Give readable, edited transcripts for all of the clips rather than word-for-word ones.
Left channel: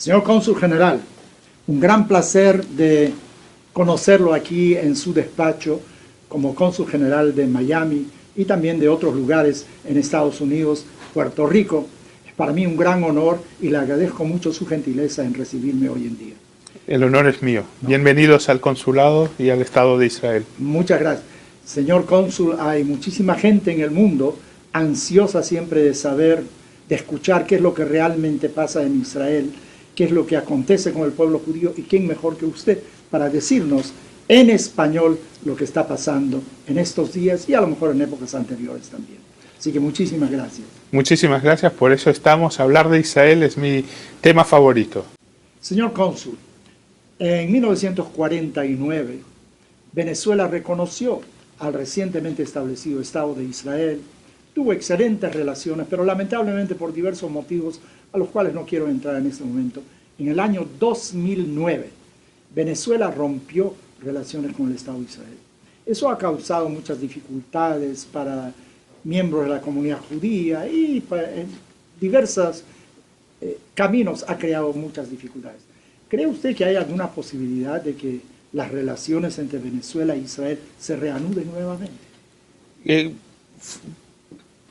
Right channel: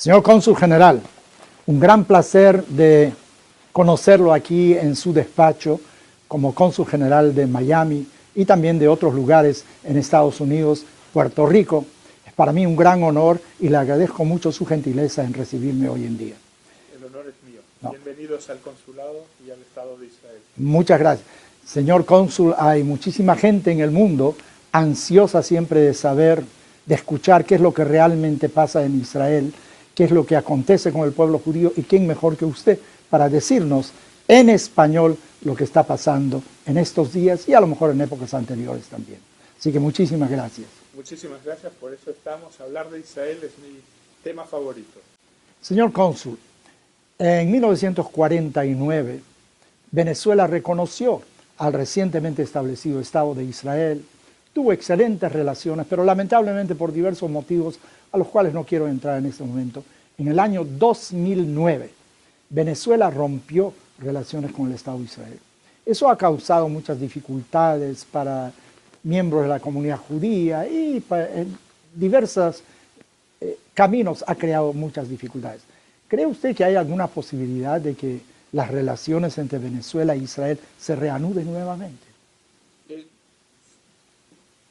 Señor Cónsul General, un gran placer de conocerlo aquí en su despacho como Cónsul General de Miami y también de otros lugares en Estados Unidos, Puerto Rico. Es para mí un gran honor y le agradezco mucho su gentileza en recibirme hoy en día. El honor es mío. Bienvenidos al Consulado y al Estado de Israel. Muchas gracias. Señor Cónsul, hay muchísima gente en el mundo ansiosa siempre de saber, de escuchar qué es lo que realmente pasa en Israel, qué es lo que acontece con el pueblo judío y quién mejor que usted para decirnos en español lo que está pasando en estos días y a lo mejor en épocas anteriores también. Así que muchísimas gracias. Muchísimas gracias, por eso estamos. Hablar de Israel es mi tema favorito. Señor Cónsul, en 1949 Venezuela reconoció al recientemente establecido Estado de Israel, tuvo excelentes relaciones, pero lamentablemente por diversos motivos a los cuales no quiero entrar en este momento, en el año 2009 Venezuela rompió relaciones con el Estado de Israel. Eso ha causado muchas dificultades para miembros de la comunidad judía y en diversos caminos ha creado muchas dificultades. ¿Cree usted que hay alguna posibilidad de que las relaciones entre Venezuela e Israel se reanuden nuevamente?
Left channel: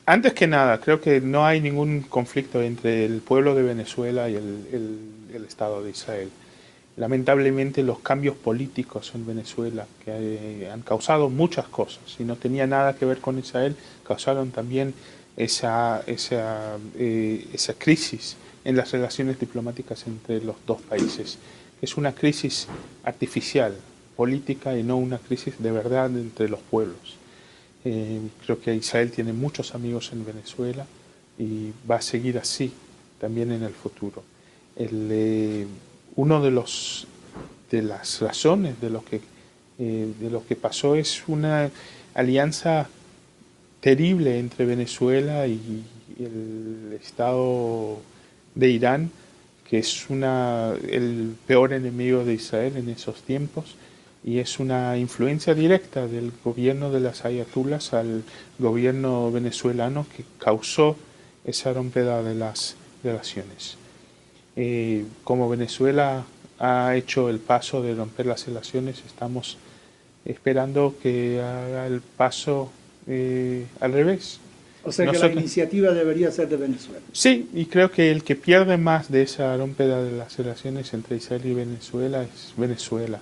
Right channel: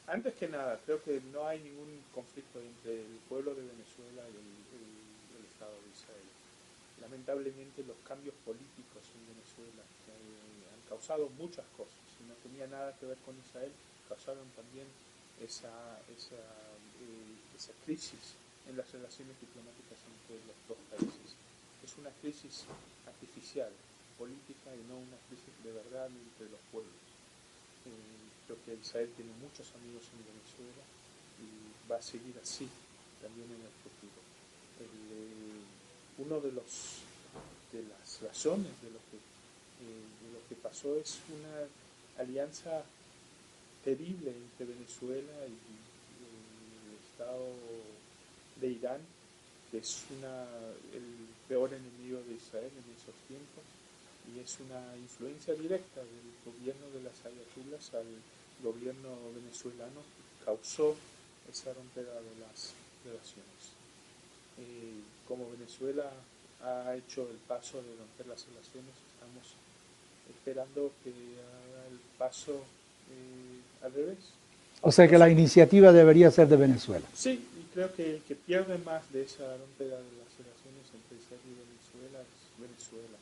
Antes que nada, creo que no hay ningún conflicto entre el pueblo de Venezuela y el Estado de Israel. Lamentablemente los cambios políticos en Venezuela que han causado muchas cosas y no tenía nada que ver con Israel, causaron también esa crisis en las relaciones diplomáticas entre los dos países. Es una crisis artificial, política, y no una crisis de verdad entre los pueblos. Creo que Israel tiene muchos amigos en Venezuela y va a seguir así también en el futuro. Uno de las razones de lo que pasó es una alianza terrible entre Venezuela y el Estado de Irán, que es el peor enemigo de Israel en esos tiempos, y es una influencia directa del gobierno de las ayatolás al gobierno venezolano que causó esa rompida de las relaciones. Como Venezuela ha hecho el paso de romper las relaciones, estamos esperando que haga el paso al revés. O sea que la iniciativa debería ser de Venezuela. Sí, y creo que el que pierde más de esa rompida de las relaciones entre Israel y Venezuela es Venezuela.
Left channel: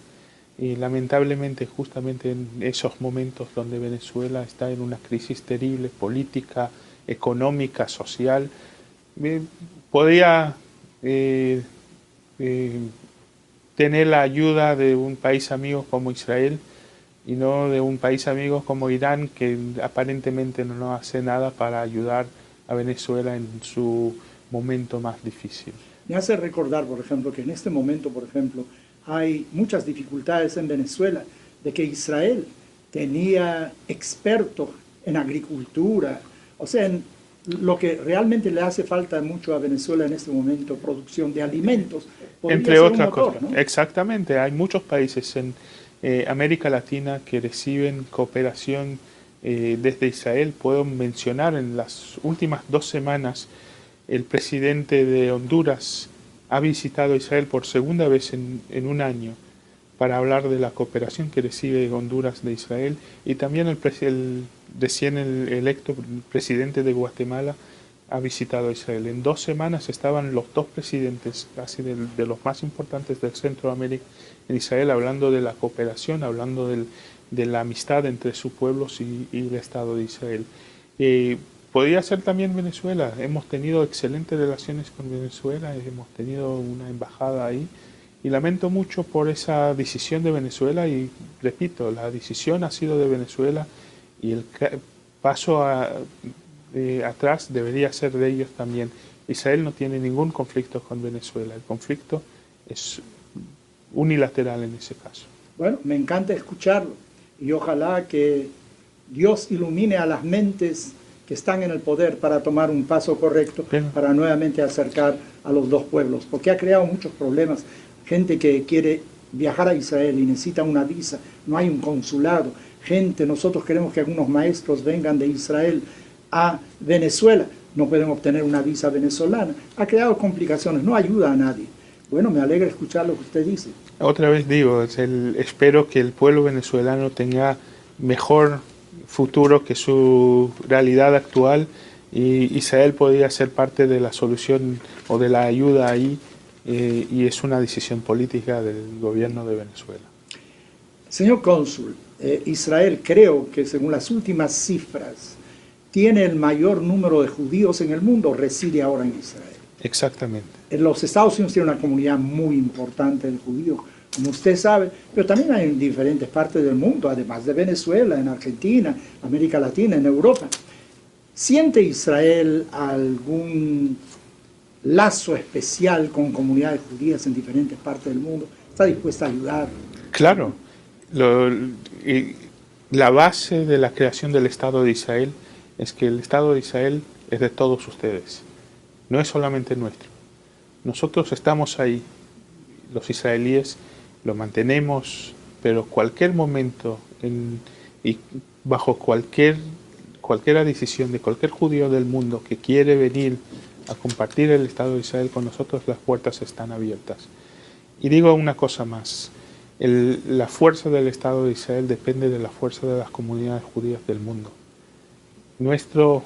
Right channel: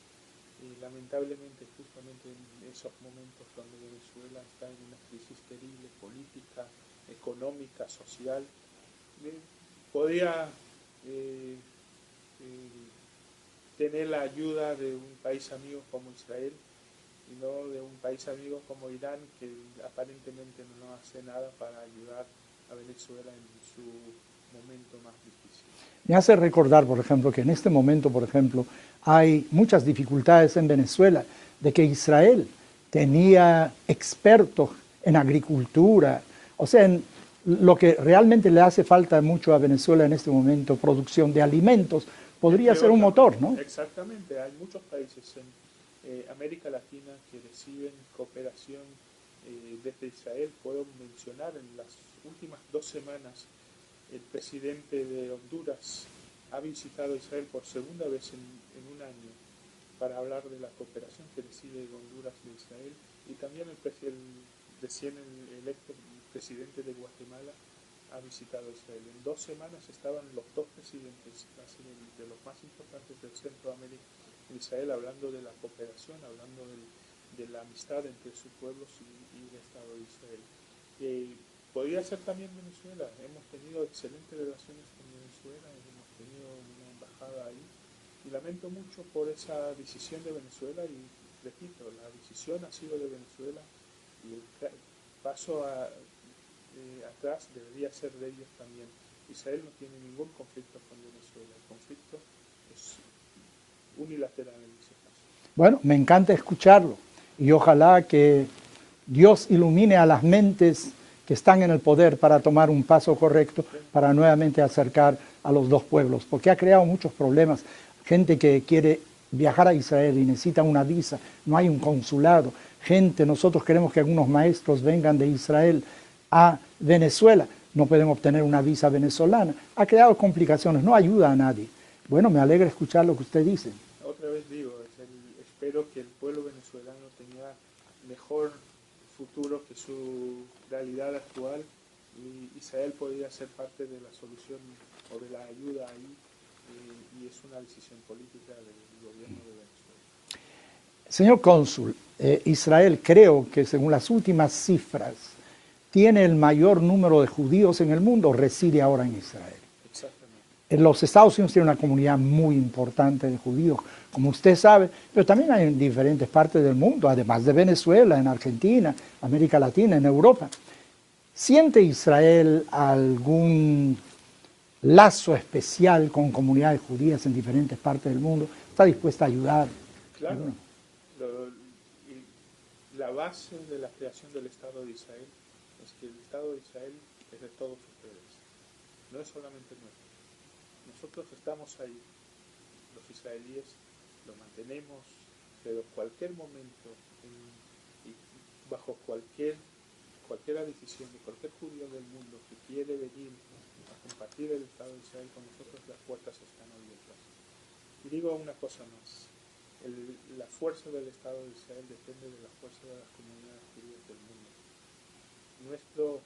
Y lamentablemente justamente en esos momentos donde Venezuela está en una crisis terrible, política, económica, social, podría tener la ayuda de un país amigo como Israel y no de un país amigo como Irán, que aparentemente no hace nada para ayudar a Venezuela en su momento más difícil. Me hace recordar, por ejemplo, que en este momento, por ejemplo, hay muchas dificultades en Venezuela, de que Israel tenía expertos en agricultura, o sea, en lo que realmente le hace falta mucho a Venezuela en este momento, producción de alimentos, podría Entre ser otras un motor, cosas, ¿no? Exactamente, hay muchos países en América Latina que reciben cooperación desde Israel. Puedo mencionar en las últimas 2 semanas el presidente de Honduras ha visitado Israel por segunda vez en un año para hablar de la cooperación que recibe Honduras de Israel, y también el recién electo presidente de Guatemala ha visitado Israel. En 2 semanas estaban los 2 presidentes casi de los más importantes del Centroamérica en Israel hablando de la cooperación, hablando de la amistad entre sus pueblos y el Estado de Israel. Podría ser también Venezuela. Hemos tenido excelentes relaciones con Venezuela, hemos tenido una embajada ahí y lamento mucho por esa decisión de Venezuela y repito, la decisión ha sido de Venezuela y el paso atrás debería ser de ellos también. Israel no tiene ningún conflicto con Venezuela, el conflicto es unilateral en ese caso. Bueno, me encanta escucharlo y ojalá que Dios ilumine a las mentes que están en el poder para tomar un paso correcto, para nuevamente acercar a los dos pueblos, porque ha creado muchos problemas. Gente que quiere viajar a Israel y necesita una visa, no hay un consulado. Nosotros queremos que algunos maestros vengan de Israel a Venezuela, no pueden obtener una visa venezolana. Ha creado complicaciones, no ayuda a nadie. Bueno, me alegra escuchar lo que usted dice. Otra vez digo, espero que el pueblo venezolano tenga mejor futuro que su realidad actual, y Israel podría ser parte de la solución o de la ayuda ahí, y es una decisión política del gobierno de Venezuela. Señor cónsul, Israel creo que según las últimas cifras tiene el mayor número de judíos en el mundo, reside ahora en Israel. Exactamente. En los Estados Unidos tiene una comunidad muy importante de judíos, como usted sabe, pero también hay en diferentes partes del mundo, además de Venezuela, en Argentina, América Latina, en Europa. ¿Siente Israel algún lazo especial con comunidades judías en diferentes partes del mundo? ¿Está dispuesta a ayudar? Claro, y la base de la creación del Estado de Israel es que el Estado de Israel es de todos ustedes, no es solamente nuestro. Nosotros estamos ahí, los israelíes lo mantenemos, pero cualquier momento y bajo cualquier decisión de cualquier judío del mundo que quiere venir a compartir el Estado de Israel con nosotros, las puertas están abiertas. Y digo una cosa más, la fuerza del Estado de Israel depende de la fuerza de las comunidades judías del mundo. Nuestro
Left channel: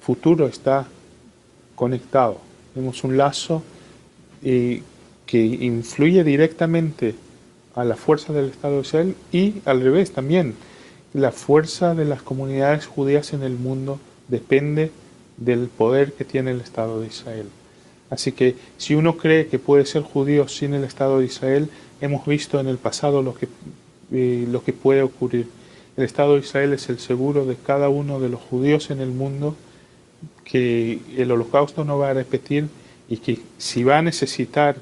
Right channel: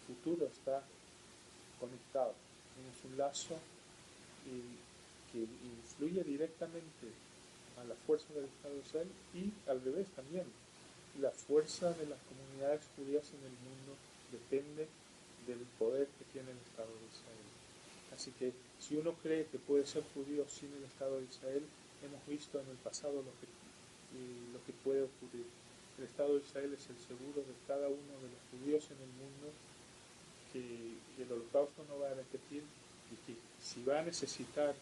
futuro está conectado. Tenemos un lazo que influye directamente a la fuerza del Estado de Israel, y al revés también. La fuerza de las comunidades judías en el mundo depende del poder que tiene el Estado de Israel. Así que si uno cree que puede ser judío sin el Estado de Israel, hemos visto en el pasado lo que puede ocurrir. El Estado de Israel es el seguro de cada uno de los judíos en el mundo, que el holocausto no va a repetir, y que si va a necesitar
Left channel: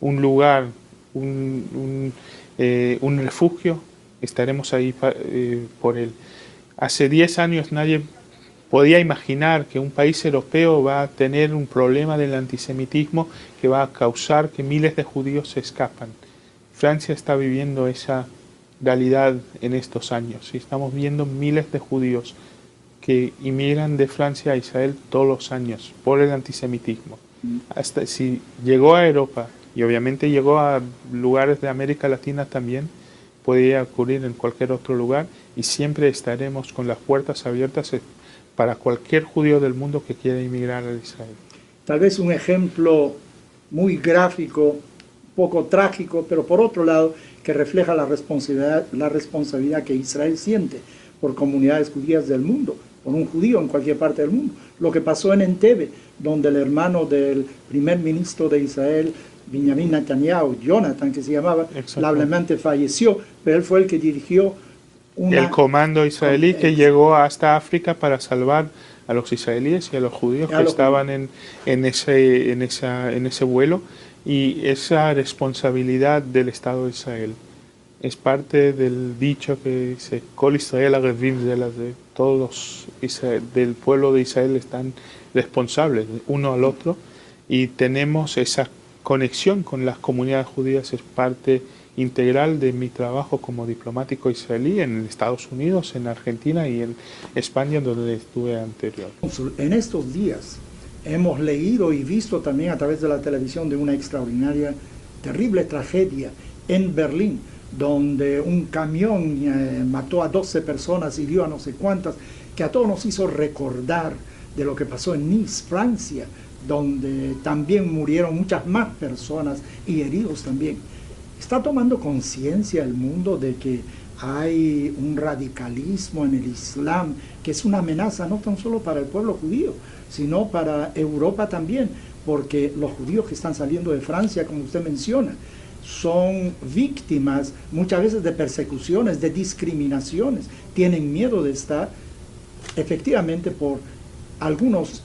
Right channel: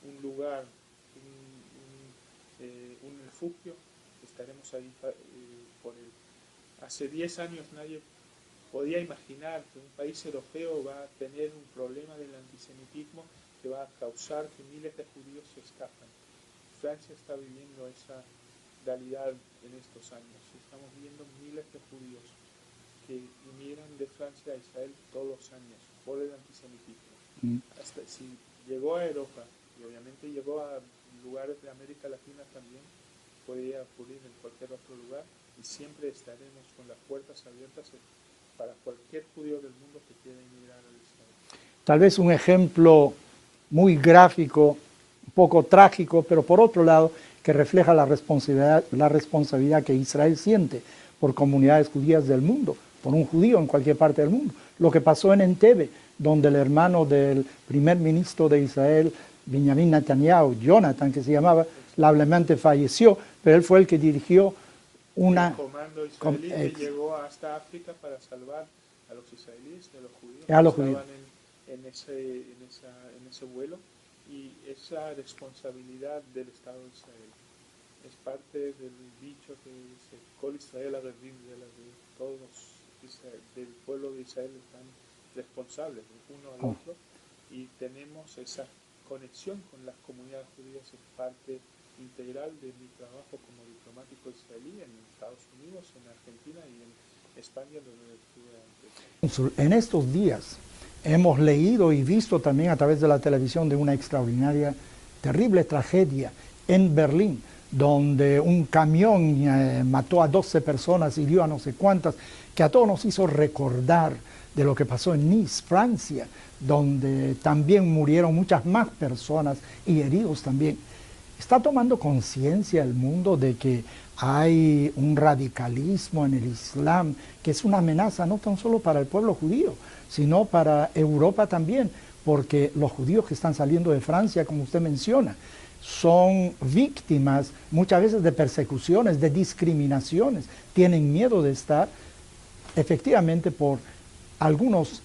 un lugar, un refugio, estaremos ahí por él. Hace 10 años nadie podía imaginar que un país europeo va a tener un problema del antisemitismo que va a causar que miles de judíos se escapan. Francia está viviendo esa realidad en estos años, y estamos viendo miles de judíos que inmigran de Francia a Israel todos los años por el antisemitismo. Hasta si llegó a Europa, y obviamente llegó a lugares de América Latina también, podría ocurrir en cualquier otro lugar, y siempre estaremos con las puertas abiertas para cualquier judío del mundo que quiera inmigrar a Israel. Tal vez un ejemplo muy gráfico, un poco trágico, pero por otro lado que refleja la responsabilidad que Israel siente por comunidades judías del mundo, por un judío en cualquier parte del mundo. Lo que pasó en Entebbe, donde el hermano del primer ministro de Israel, Benjamin Netanyahu, Jonathan, que se llamaba, lamentablemente falleció, pero él fue el que dirigió el comando israelí que llegó hasta África para salvar a los israelíes y a los judíos que estaban en ese vuelo, y esa responsabilidad del Estado de Israel es parte del dicho que dice Kol Israel Arevim de todos del pueblo de Israel están responsables uno al otro, y tenemos esa conexión con las comunidades judías. Es parte integral de mi trabajo como diplomático israelí en Estados Unidos, en Argentina y en España, donde estuve anterior. En estos días hemos leído y visto también a través de la televisión de una extraordinaria, terrible tragedia en Berlín, donde un camión mató a 12 personas, hirió a no sé cuántas, que a todos nos hizo recordar de lo que pasó en Nice, Francia, donde también murieron muchas más personas y heridos también. ¿Está tomando conciencia el mundo de que hay un radicalismo en el Islam que es una amenaza no tan solo para el pueblo judío, sino para Europa también? Porque los judíos que están saliendo de Francia, como usted menciona, son víctimas muchas veces de persecuciones, de discriminaciones. Tienen miedo de estar efectivamente por algunos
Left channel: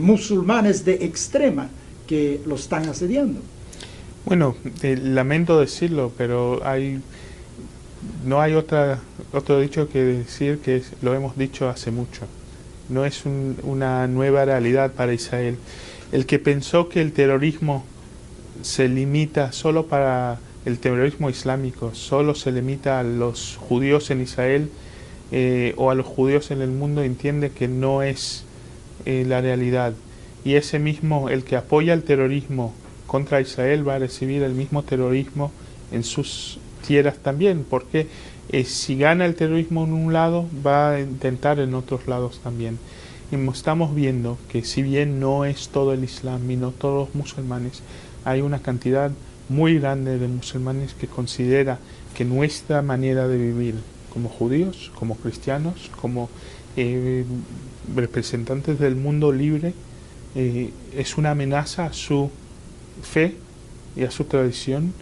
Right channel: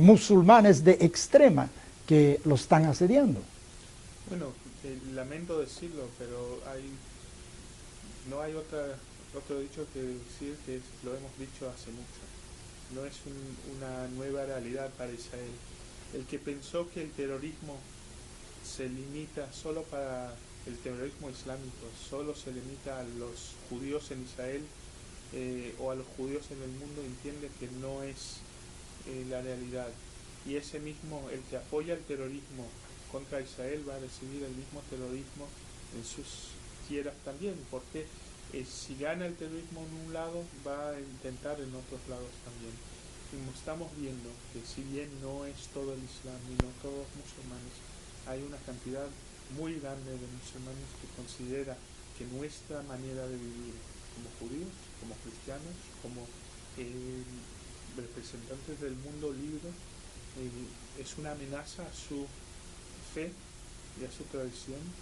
musulmanes de extrema que los están asediando. Bueno, lamento decirlo, pero no hay otro dicho que decir que lo hemos dicho hace mucho. No es una nueva realidad para Israel. El que pensó que el terrorismo se limita solo para el terrorismo islámico, solo se limita a los judíos en Israel o a los judíos en el mundo, entiende que no es la realidad. Y ese mismo, el que apoya el terrorismo contra Israel va a recibir el mismo terrorismo en sus tierras también, porque si gana el terrorismo en un lado, va a intentar en otros lados también. Y estamos viendo que si bien no es todo el Islam y no todos los musulmanes, hay una cantidad muy grande de musulmanes que considera que nuestra manera de vivir como judíos, como cristianos, como representantes del mundo libre, es una amenaza a su fe y a su tradición,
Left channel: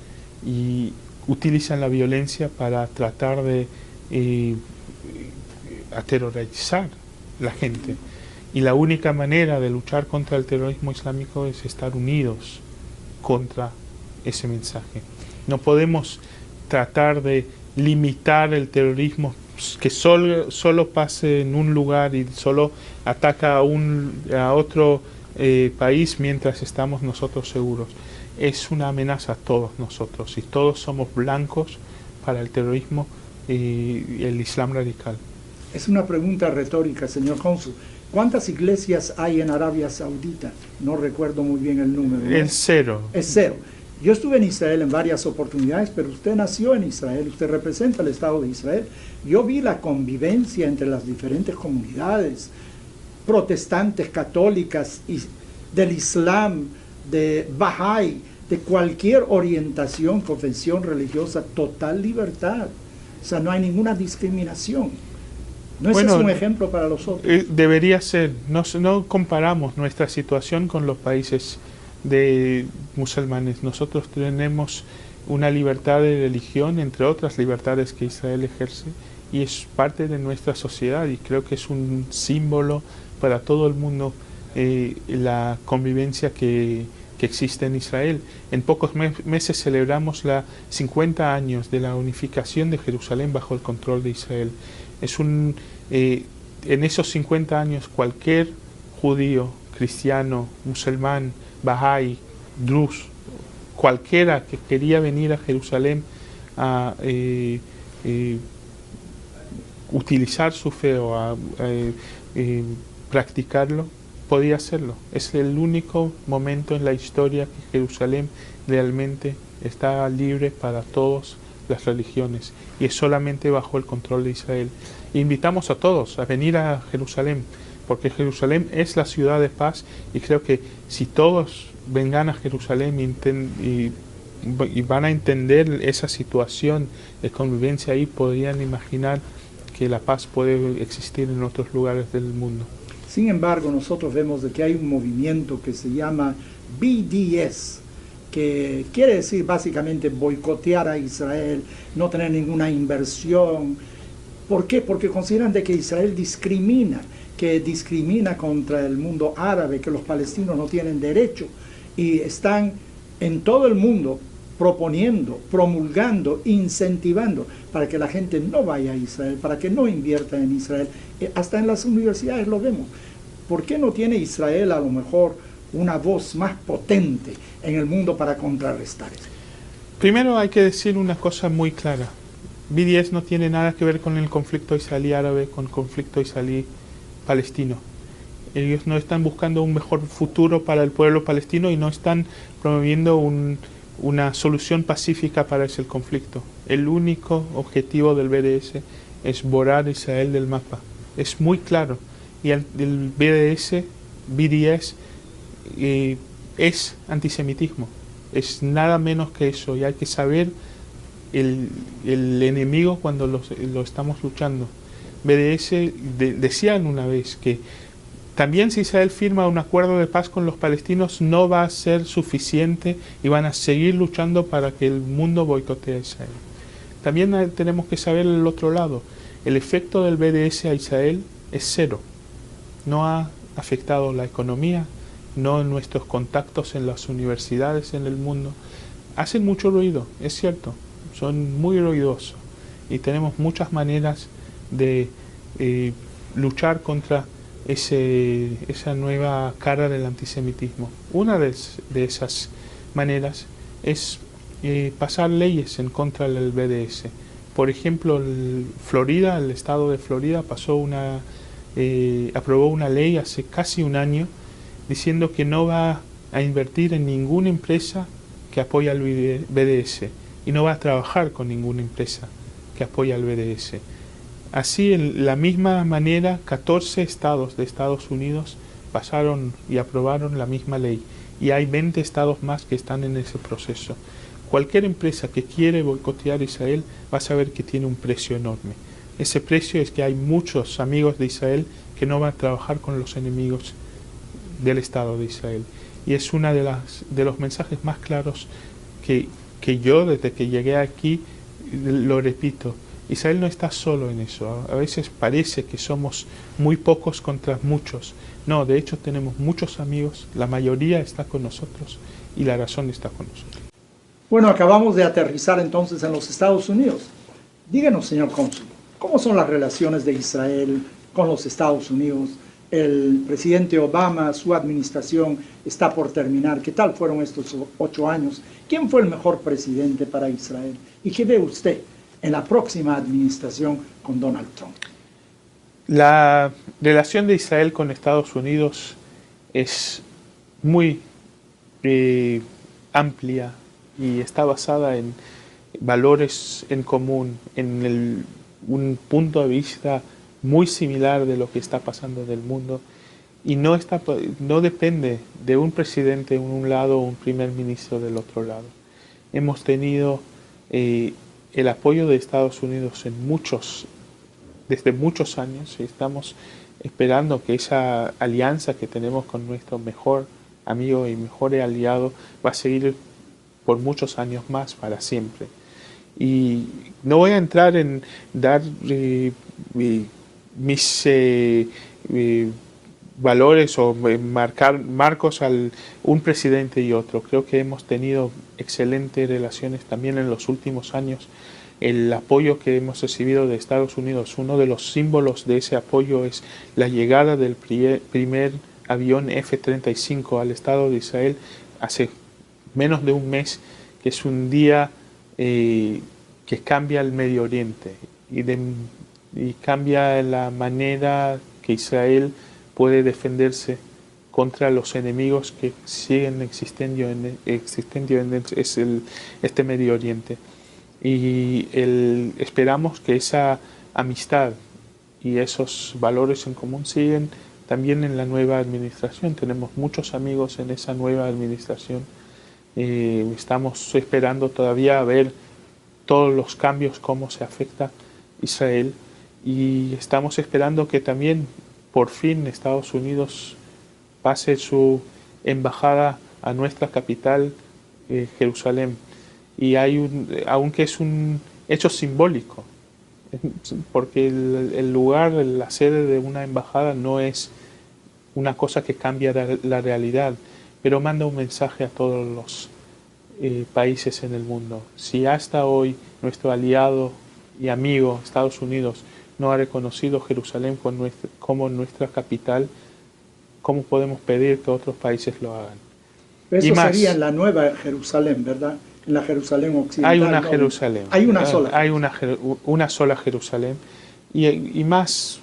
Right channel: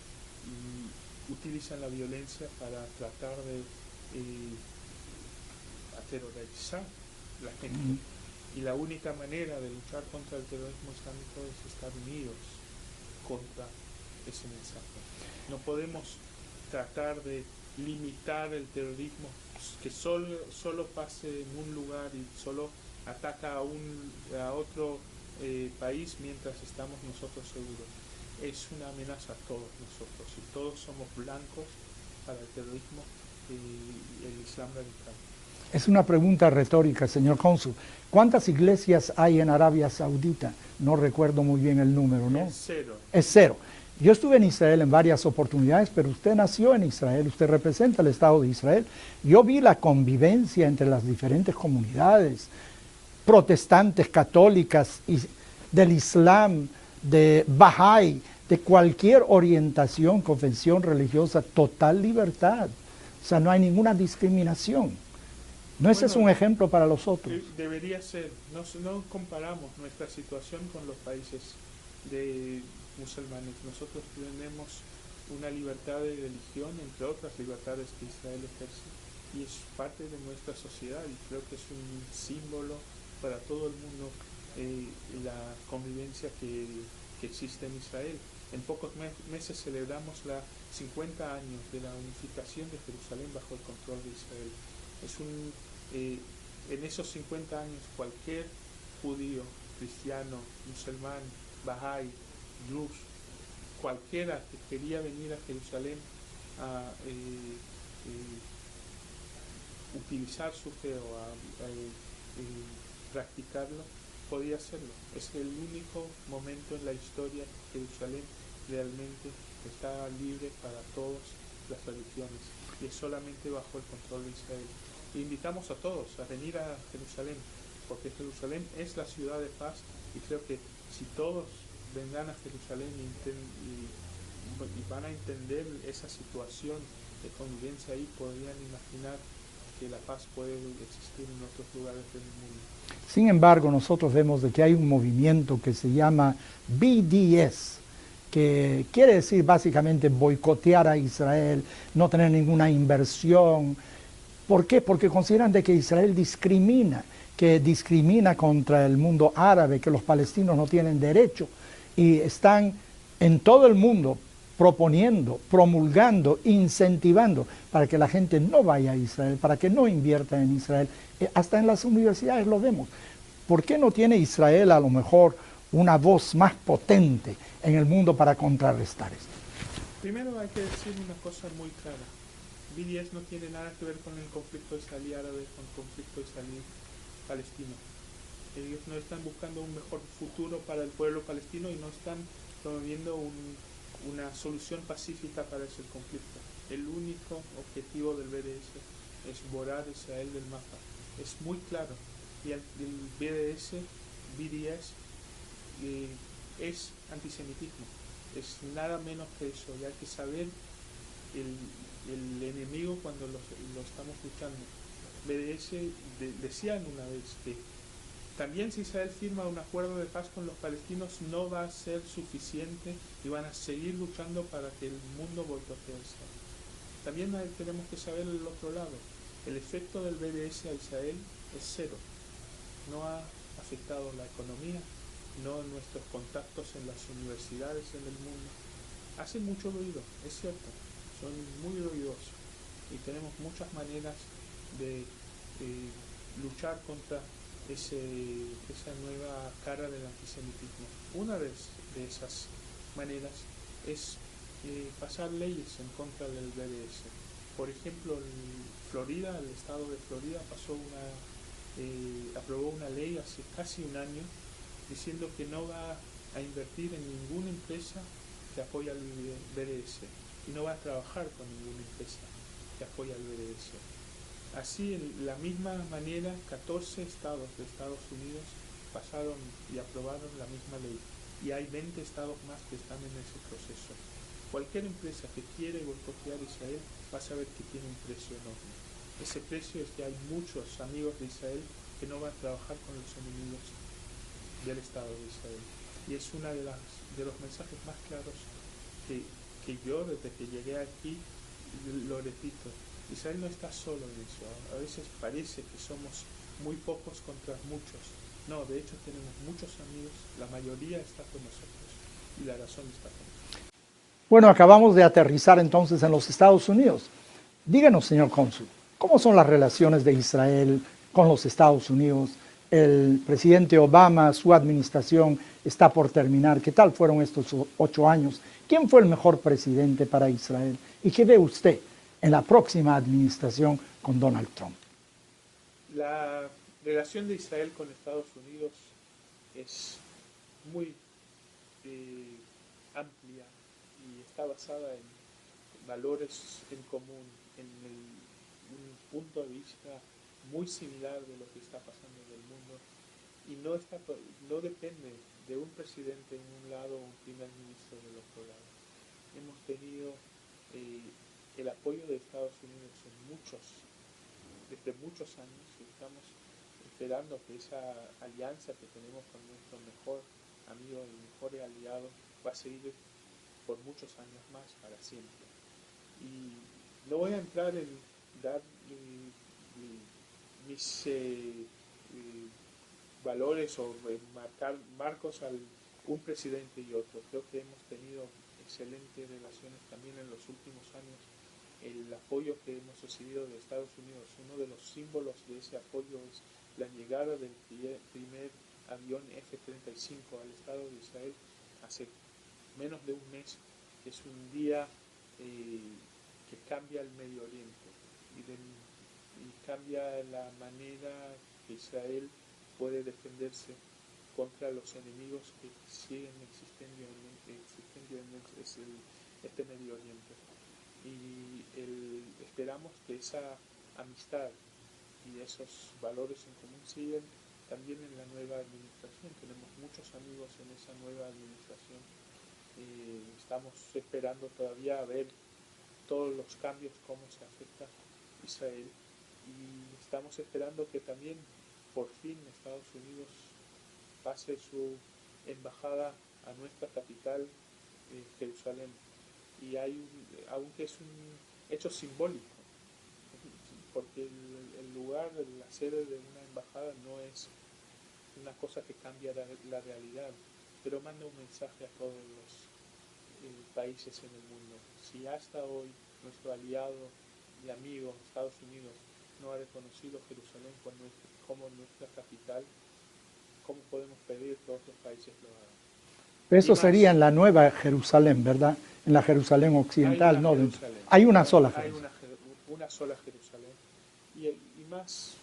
y utilizan la violencia para tratar de aterrorizar la gente. Y la única manera de luchar contra el terrorismo islámico es estar unidos contra ese mensaje. No podemos tratar de limitar el terrorismo que solo pase en un lugar y solo ataca a otro país mientras estamos nosotros seguros. Es una amenaza a todos nosotros y todos somos blancos para el terrorismo y el Islam radical. Es una pregunta retórica, señor cónsul. ¿Cuántas iglesias hay en Arabia Saudita? No recuerdo muy bien el número, ¿no? Es cero. Es cero. Yo estuve en Israel en varias oportunidades, pero usted nació en Israel, usted representa el Estado de Israel. Yo vi la convivencia entre las diferentes comunidades, protestantes, católicas, del Islam, de Bahá'í, de cualquier orientación, confesión religiosa, total libertad. O sea, no hay ninguna discriminación. ¿No es eso un ejemplo para los otros? Debería ser. No comparamos nuestra situación con los países de musulmanes. Nosotros tenemos una libertad de religión, entre otras libertades que Israel ejerce, y es parte de nuestra sociedad, y creo que es un símbolo para todo el mundo la convivencia que existe en Israel. En pocos meses celebramos los 50 años de la unificación de Jerusalén bajo el control de Israel. En esos 50 años cualquier judío, cristiano, musulmán, Bahá'í, Druz, cualquiera que quería venir a Jerusalén a utilizar su fe o a practicarlo, podía hacerlo. Es el único momento en la historia que Jerusalén realmente está libre para todas las religiones, y es solamente bajo el control de Israel. Invitamos a todos a venir a Jerusalén, porque Jerusalén es la ciudad de paz, y creo que si todos vengan a Jerusalén y van a entender esa situación de convivencia ahí, podrían imaginar que la paz puede existir en otros lugares del mundo. Sin embargo, nosotros vemos de que hay un movimiento que se llama BDS, que quiere decir básicamente boicotear a Israel, no tener ninguna inversión. ¿Por qué? Porque consideran de que Israel discrimina, que discrimina contra el mundo árabe, que los palestinos no tienen derecho, y están en todo el mundo proponiendo, promulgando, incentivando para que la gente no vaya a Israel, para que no invierta en Israel. Hasta en las universidades lo vemos. ¿Por qué no tiene Israel a lo mejor una voz más potente en el mundo para contrarrestar esto? Primero hay que decir una cosa muy clara. BDS no tiene nada que ver con el conflicto israelí-árabe, con el conflicto israelí-palestino. Ellos no están buscando un mejor futuro para el pueblo palestino y no están promoviendo una solución pacífica para ese conflicto. El único objetivo del BDS es borrar a Israel del mapa. Es muy claro. Y el BDS es antisemitismo. Es nada menos que eso. Y hay que saber el enemigo cuando lo estamos luchando. BDS decían una vez que también si Israel firma un acuerdo de paz con los palestinos no va a ser suficiente y van a seguir luchando para que el mundo boicotee a Israel. También tenemos que saber el otro lado. El efecto del BDS a Israel es cero. No ha afectado la economía, no en nuestros contactos en las universidades en el mundo. Hacen mucho ruido, es cierto, son muy ruidosos y tenemos muchas maneras de luchar contra esa nueva cara del antisemitismo. Una de esas maneras es pasar leyes en contra del BDS. Por ejemplo, Florida, el estado de Florida aprobó una ley hace casi un año diciendo que no va a invertir en ninguna empresa que apoya al BDS y no va a trabajar con ninguna empresa que apoya al BDS. Así, en la misma manera, 14 estados de Estados Unidos pasaron y aprobaron la misma ley y hay 20 estados más que están en ese proceso. Cualquier empresa que quiere boicotear a Israel va a saber que tiene un precio enorme. Ese precio es que hay muchos amigos de Israel que no van a trabajar con los enemigos del Estado de Israel. Y es uno de los mensajes más claros que yo, desde que llegué aquí, lo repito. Israel no está solo en eso. A veces parece que somos muy pocos contra muchos. No, de hecho tenemos muchos amigos, la mayoría está con nosotros y la razón está con nosotros. Bueno, acabamos de aterrizar entonces en los Estados Unidos. Díganos, señor cónsul, ¿cómo son las relaciones de Israel con los Estados Unidos? El presidente Obama, su administración está por terminar. ¿Qué tal fueron estos 8 años? ¿Quién fue el mejor presidente para Israel? ¿Y qué ve usted en la próxima administración con Donald Trump? La relación de Israel con Estados Unidos es muy amplia y está basada en valores en común, en un punto de vista muy similar de lo que está pasando en el mundo y no depende de un presidente en un lado o un primer ministro del otro lado. Hemos tenido el apoyo de Estados Unidos desde muchos años y estamos esperando que esa alianza que tenemos con nuestro mejor amigo y mejor aliado va a seguir por muchos años más, para siempre. Y no voy a entrar en dar mis valores o marcar marcos a un presidente y otro. Creo que hemos tenido excelentes relaciones también en los últimos años. El apoyo que hemos recibido de Estados Unidos, uno de los símbolos de ese apoyo es la llegada del primer avión F-35 al Estado de Israel hace menos de un mes, que es un día que cambia el Medio Oriente y cambia la manera que Israel puede defenderse contra los enemigos que siguen existiendo en este Medio Oriente. Y esperamos que esa amistad y esos valores en común siguen también en la nueva administración. Tenemos muchos amigos en esa nueva administración. Estamos esperando todavía a ver todos los cambios, cómo se afecta Israel. Y estamos esperando que también por fin Estados Unidos pase su embajada a nuestra capital, Jerusalén. Y aunque es un hecho simbólico, porque el lugar, la sede de una embajada no es una cosa que cambia la realidad, pero manda un mensaje a todos los países en el mundo. Si hasta hoy nuestro aliado y amigo Estados Unidos no ha reconocido Jerusalén como nuestra capital, ¿cómo podemos pedir que otros países lo hagan? Eso sería en la nueva Jerusalén, ¿verdad? En la Jerusalén occidental. Hay una Jerusalén. Hay una sola. Hay una sola Jerusalén. Y más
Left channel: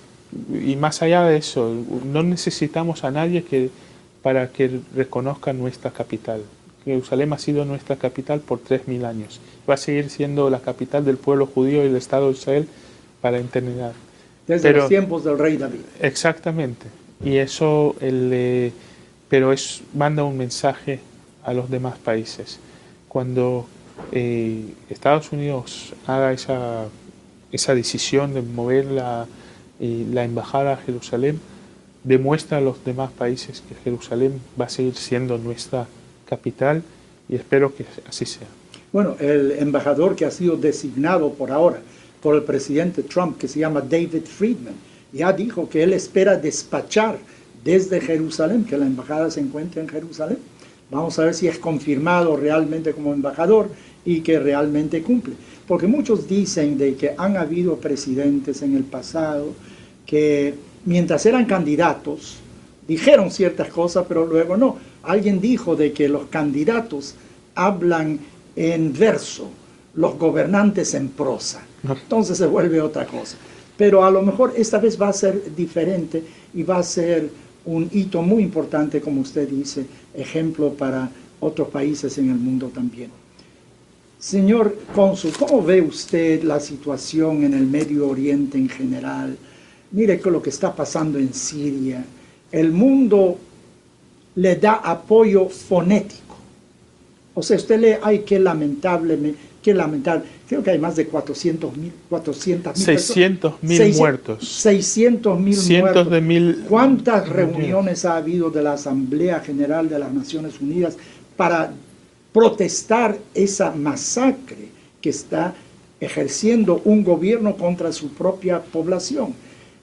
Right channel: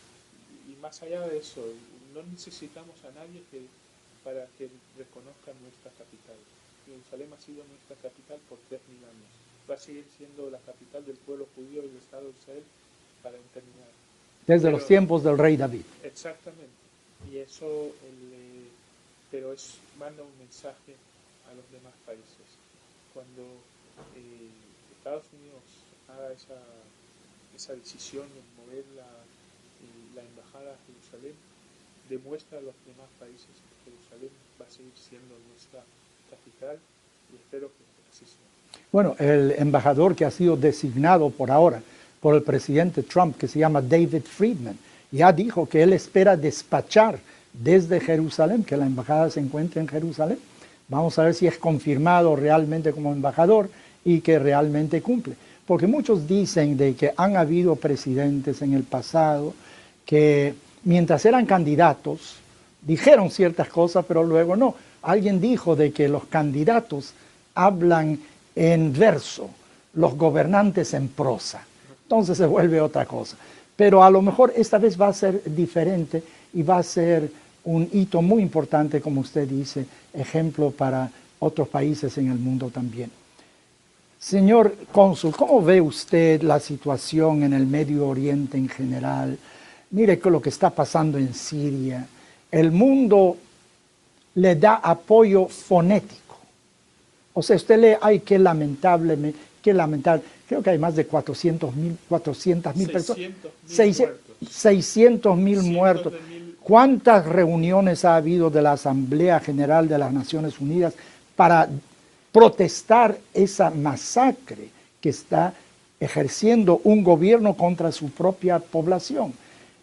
allá de eso, no necesitamos a nadie para que reconozca nuestra capital. Jerusalén ha sido nuestra capital por 3000 años. Va a seguir siendo la capital del pueblo judío y del Estado de Israel para eternidad. Desde los tiempos del rey David. Exactamente. Y eso, manda un mensaje a los demás países. Cuando Estados Unidos haga esa decisión de mover la embajada a Jerusalén, demuestra a los demás países que Jerusalén va a seguir siendo nuestra capital y espero que así sea. Bueno, el embajador que ha sido designado por ahora por el presidente Trump, que se llama David Friedman, ya dijo que él espera despachar desde Jerusalén, que la embajada se encuentra en Jerusalén. Vamos a ver si es confirmado realmente como embajador y que realmente cumple. Porque muchos dicen de que han habido presidentes en el pasado que mientras eran candidatos dijeron ciertas cosas, pero luego no. Alguien dijo de que los candidatos hablan en verso, los gobernantes en prosa. Entonces se vuelve otra cosa. Pero a lo mejor esta vez va a ser diferente y va a ser un hito muy importante, como usted dice, ejemplo para otros países en el mundo también. Señor cónsul, ¿cómo ve usted la situación en el Medio Oriente en general? Mire lo que está pasando en Siria. El mundo le da apoyo fonético. O sea, usted lee, ay, qué lamentable, qué lamentable. Creo que hay más de 400.000 personas. 600.000 muertos. 600.000 Cientos muertos. de mil. ¿Cuántas reuniones ha habido de la Asamblea General de las Naciones Unidas para protestar esa masacre que está ejerciendo un gobierno contra su propia población?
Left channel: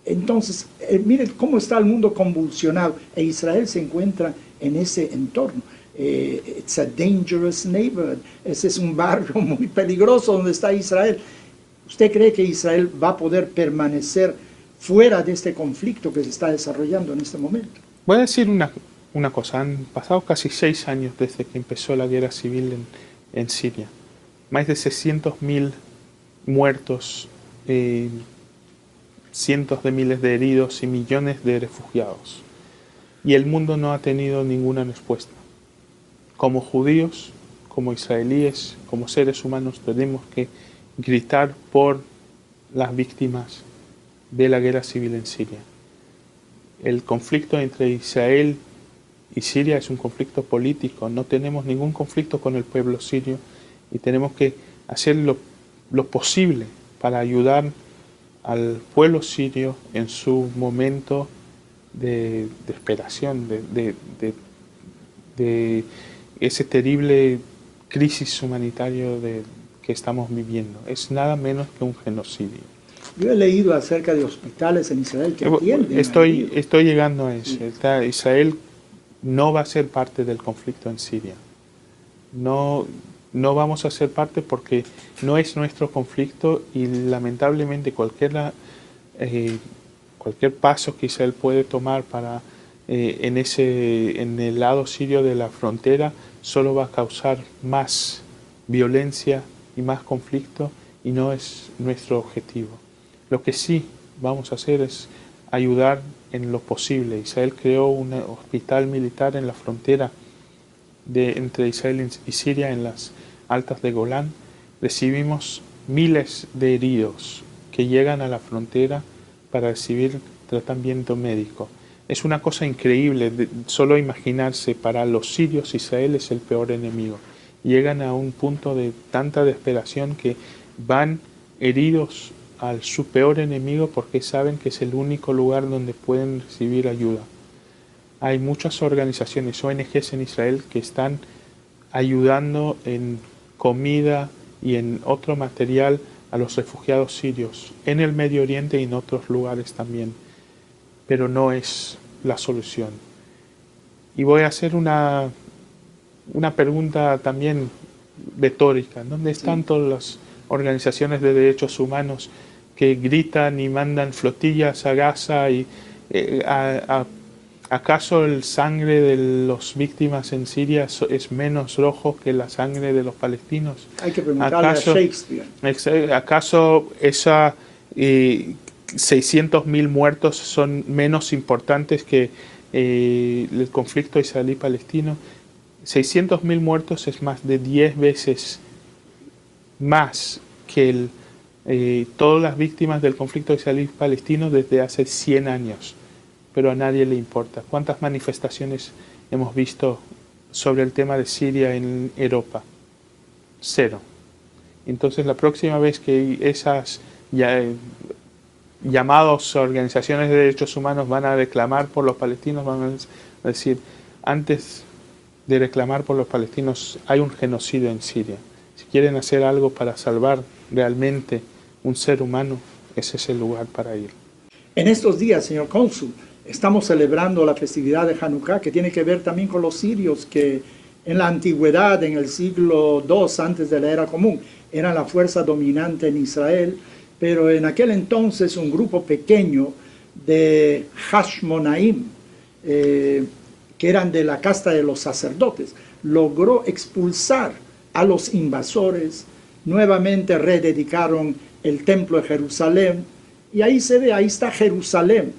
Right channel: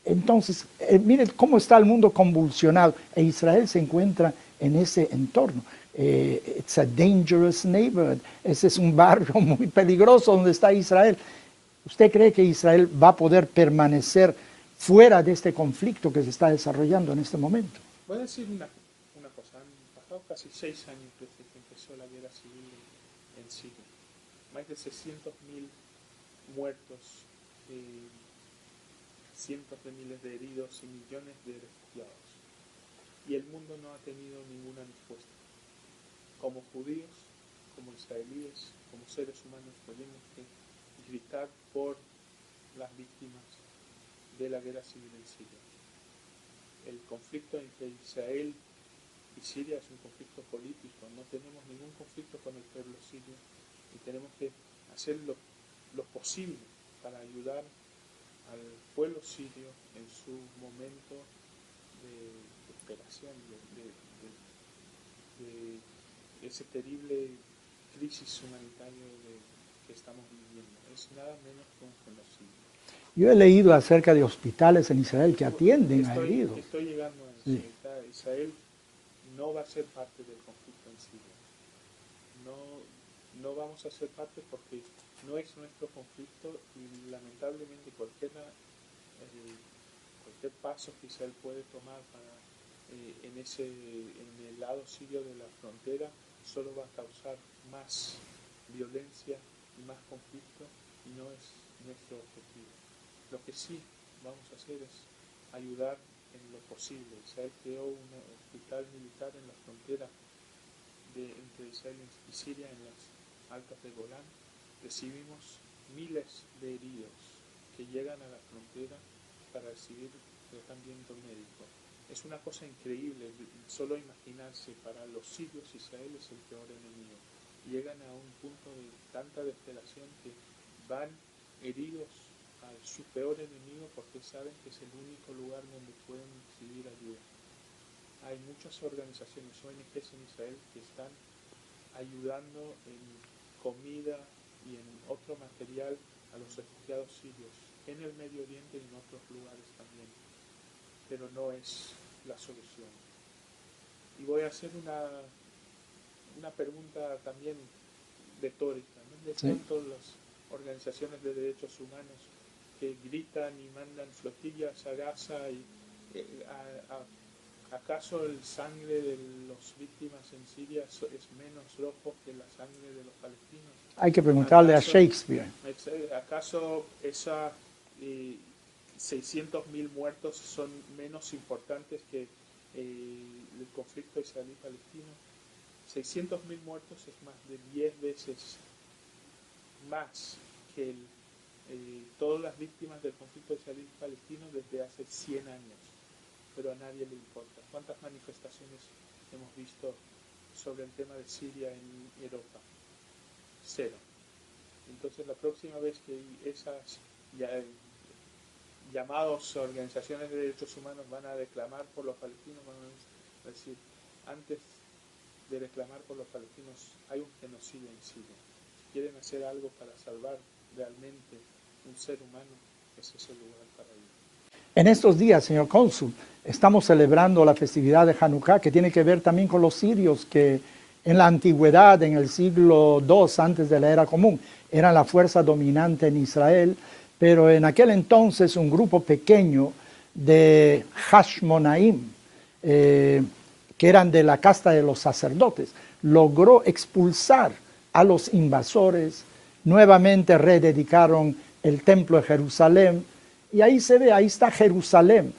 Entonces, miren cómo está el mundo convulsionado, e Israel se encuentra en ese entorno. It's a dangerous neighborhood. Ese es un barrio muy peligroso donde está Israel. ¿Usted cree que Israel va a poder permanecer fuera de este conflicto que se está desarrollando en este momento? Voy a decir una cosa. Han pasado casi 6 años desde que empezó la guerra civil en Siria. Más de 600.000 muertos, cientos de miles de heridos y millones de refugiados. Y el mundo no ha tenido ninguna respuesta. Como judíos, como israelíes, como seres humanos, tenemos que gritar por las víctimas de la guerra civil en Siria. El conflicto entre Israel y Siria es un conflicto político. No tenemos ningún conflicto con el pueblo sirio y tenemos que hacer lo posible para ayudar al pueblo sirio en su momento de desesperación, de ese terrible crisis humanitario que estamos viviendo. Es nada menos que un genocidio. Yo he leído acerca de hospitales en Israel que atienden. Estoy llegando a eso. Sí. Israel no va a ser parte del conflicto en Siria. No vamos a ser parte porque no es nuestro conflicto y lamentablemente cualquier paso que Israel puede tomar para en el lado sirio de la frontera solo va a causar más violencia y más conflicto y no es nuestro objetivo. Lo que sí vamos a hacer es ayudar en lo posible. Israel creó un hospital militar en la frontera entre Israel y Siria, en las altas de Golán. Recibimos miles de heridos que llegan a la frontera para recibir tratamiento médico. Es una cosa increíble, solo imaginarse, para los sirios Israel es el peor enemigo. Llegan a un punto de tanta desesperación que van heridos a su peor enemigo porque saben que es el único lugar donde pueden recibir ayuda. Hay muchas organizaciones, ONGs en Israel, que están ayudando en comida y en otro material a los refugiados sirios, en el Medio Oriente y en otros lugares también. Pero no es la solución. Y voy a hacer una pregunta también retórica. ¿Dónde están todas las organizaciones de derechos humanos que gritan y mandan flotillas a Gaza? Y ¿acaso el sangre de las víctimas en Siria es menos rojo que la sangre de los palestinos? Hay que preguntarle a Shakespeare. ¿Acaso esa 600.000 muertos son menos importantes que el conflicto israelí-palestino? 600.000 muertos es más de 10 veces más que todas las víctimas del conflicto israelí-palestino desde hace 100 años. Pero a nadie le importa. ¿Cuántas manifestaciones hemos visto sobre el tema de Siria en Europa? 0. Entonces la próxima vez que esas llamadas organizaciones de derechos humanos van a reclamar por los palestinos, van a decir, antes de reclamar por los palestinos hay un genocidio en Siria. Si quieren hacer algo para salvar realmente un ser humano, ese es el lugar para ir. En estos días, señor cónsul, estamos celebrando la festividad de Hanukkah, que tiene que ver también con los sirios, que en la antigüedad, en el siglo II antes de la era común, eran la fuerza dominante en Israel, pero en aquel entonces un grupo pequeño de Hashmonaim, que eran de la casta de los sacerdotes, logró expulsar a los invasores, nuevamente rededicaron el templo de Jerusalén, y ahí se ve, ahí está Jerusalén,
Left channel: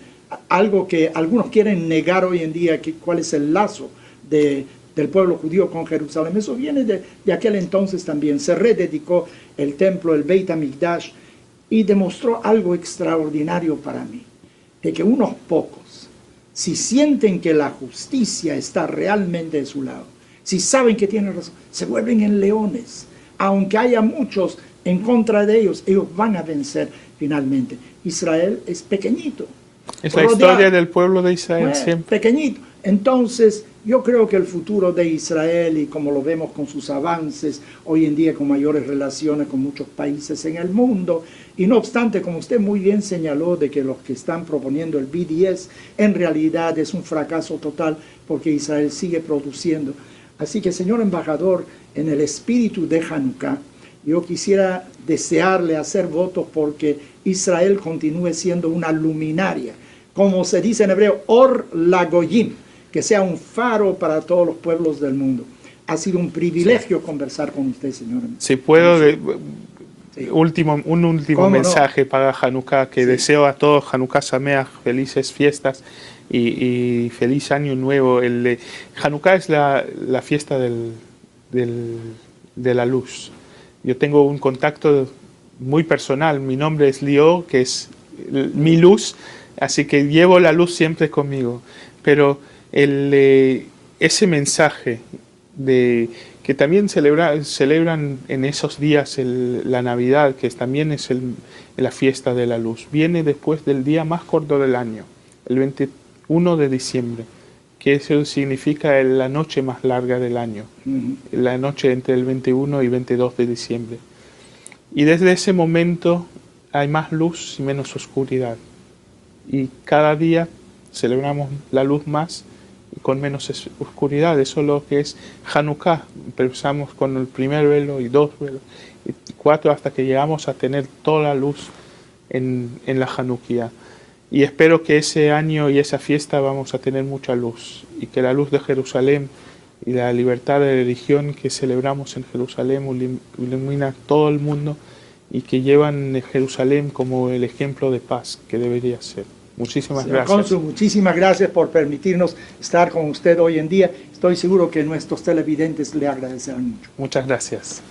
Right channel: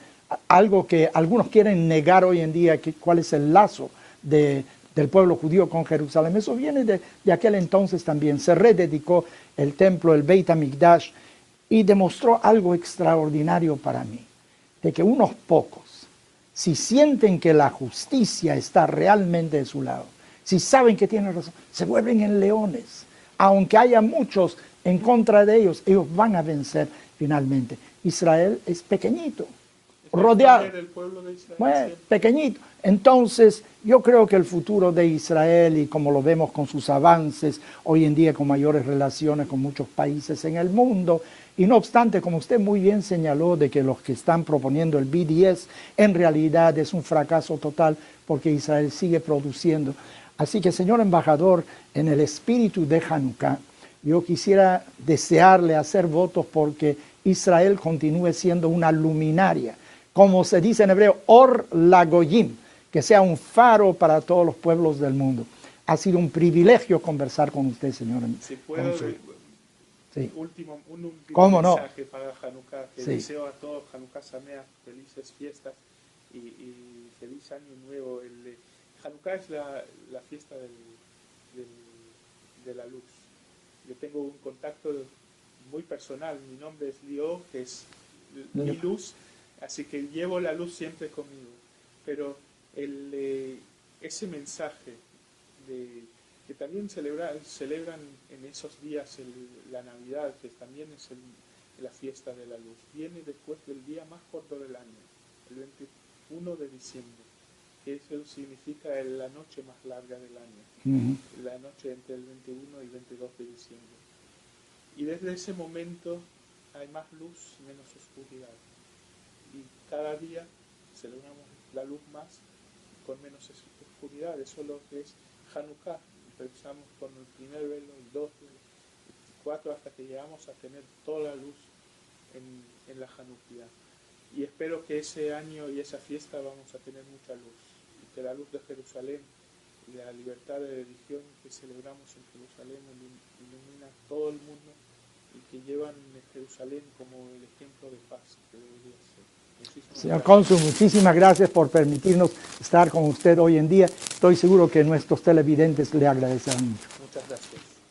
algo que algunos quieren negar hoy en día, cuál es el lazo del pueblo judío con Jerusalén. Eso viene de aquel entonces también. Se rededicó el templo, el Beit HaMikdash, y demostró algo extraordinario para mí, de que unos pocos, si sienten que la justicia está realmente de su lado, si saben que tienen razón, se vuelven en leones. Aunque haya muchos en contra de ellos, ellos van a vencer finalmente. Israel es pequeñito. Es la historia del pueblo de Israel, siempre. Pequeñito. Entonces, yo creo que el futuro de Israel, y como lo vemos con sus avances, hoy en día con mayores relaciones con muchos países en el mundo, y no obstante, como usted muy bien señaló, de que los que están proponiendo el BDS, en realidad es un fracaso total, porque Israel sigue produciendo. Así que, señor embajador, en el espíritu de Hanukkah, yo quisiera desearle hacer votos porque Israel continúe siendo una luminaria, como se dice en hebreo, Or Lagoyim, que sea un faro para todos los pueblos del mundo. Ha sido un privilegio conversar con usted, señor. Si puedo, Sí. un último mensaje para Hanukkah, que deseo a todos Hanukkah Sameach, felices fiestas y feliz año nuevo. Hanukkah es la fiesta de la luz. Yo tengo un contacto muy personal, mi nombre es Leo, que es mi luz, así que llevo la luz siempre conmigo. Pero ese mensaje que también celebran en esos días la Navidad, que también es la fiesta de la luz, viene después del día más corto del año, el 21 de diciembre, que eso significa la noche más larga del año, la noche entre el 21 y 22 de diciembre. Y desde ese momento hay más luz y menos oscuridad. Y cada día celebramos la luz más y con menos oscuridad. Eso es lo que es Hanukkah. Empezamos con el primer velo y 2 velos y 4 hasta que llegamos a tener toda la luz en la Hanukkah. Y espero que ese año y esa fiesta vamos a tener mucha luz y que la luz de Jerusalén y la libertad de religión que celebramos en Jerusalén ilumina todo el mundo y que llevan Jerusalén como el ejemplo de paz que debería ser. Muchísimas gracias. Cónsul, muchísimas gracias por permitirnos estar con usted hoy en día. Estoy seguro que nuestros televidentes le agradecerán mucho. Muchas gracias.